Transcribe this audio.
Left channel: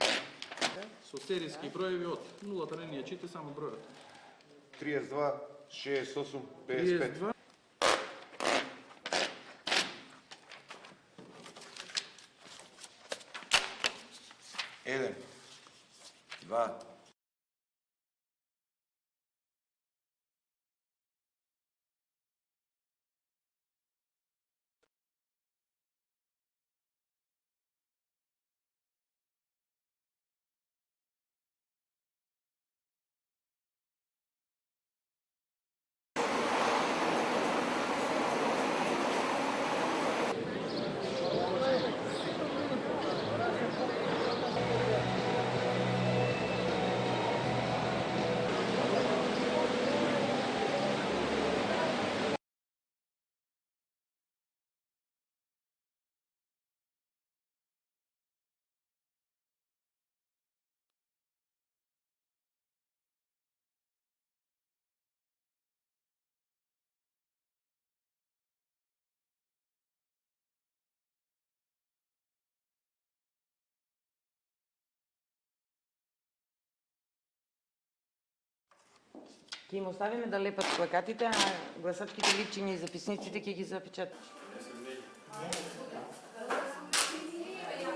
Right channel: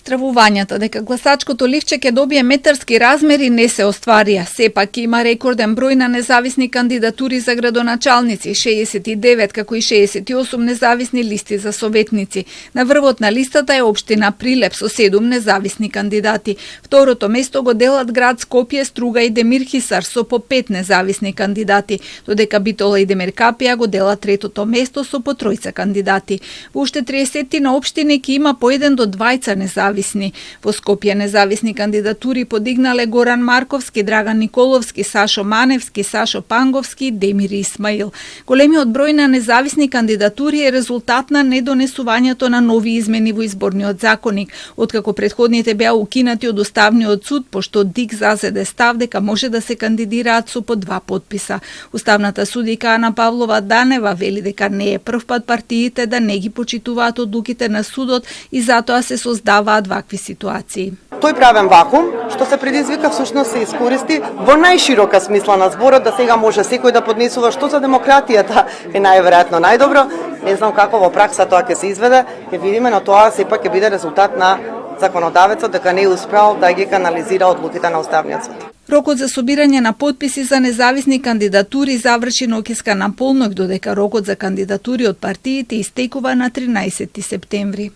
Стравувањата дека гласачкото ливче ќе добие метарски размери не се остварија. Сепак има рекорден број на независни кандидатури за градоначалници, 69 како и 68 независни листи за советници. На врвот на листата е општина Прилеп со 7 независни кандидати. Второто место го делат град Скопје, Струга и Демир Хисар со по 5 независни кандидати, додека Битола и Демиркапија го делат третото место со по 3 кандидати. Во уште 30 на општини ќе има по 1 до 2 независни. Во Скопје независни кандидатури подигнале Горан Марковски, Драган Николовски, Сашо Маневски, Сашо Панговски и Демир Исмаил. Големиот број на независни кандидатури е резултат на недонесувањето на нови измени во изборниот законник, откако претходните беа укинати од Уставниот суд, пошто ДИК зазеде став дека може да се кандидираат со по 2 потписа. Уставната судика Ана Павлова Данева вели дека не е првпат партиите да не ги почитуваат одлуките на судот и затоа се создаваат вакви ситуации. Тој правен вакуум, што се предизвика, всушност се искористи во најширока смисла на зборот, да сега може секој да поднесува, што за демократијата е најверојатно најдобро. Не знам како во пракса тоа ќе се изведе, ќе видиме, но тоа сепак ќе биде резултат на законодавецот дека не е успеал да ги канализира одлуките на Уставниот суд. Рокот за собирање на потписи за независни кандидатури заврши ноќеска на полноќ, додека рокот за кандидатури од партиите истекува на 13 септември.